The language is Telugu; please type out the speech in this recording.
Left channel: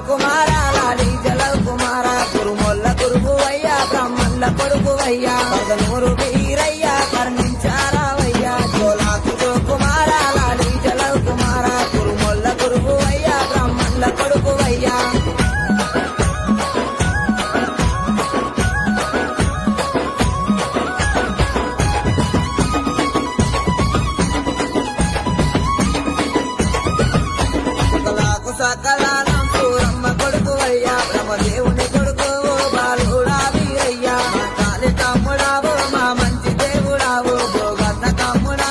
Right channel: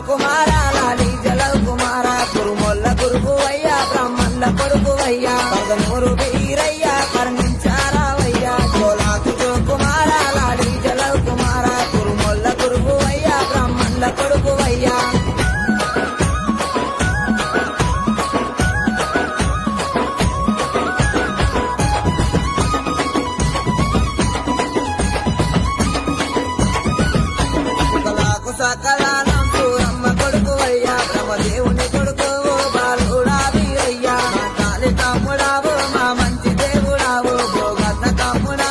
కుమార లాలి జలవ్ కుమార కురుమొల్ల గురువయ్యా బ్రాహ్మణుల కొడుకువయ్యా పదనూరు వీరయ్యా కర్ణించారావయ్యా జోలాకు కుమార లాలి జలవ్ కుమార కురుమొల్ల గురువయ్యా బ్రాహ్మణుల కొడుకువయ్యా సకలానం పూరమ్మ కొడుకువయ్యా బ్రహ్మదేవుని కొడుకు బాలుడా వీరయ్యా మా కాలి తమ్ముడావు మా మంచి దేవుడావు భోగన్న తమ్ముడా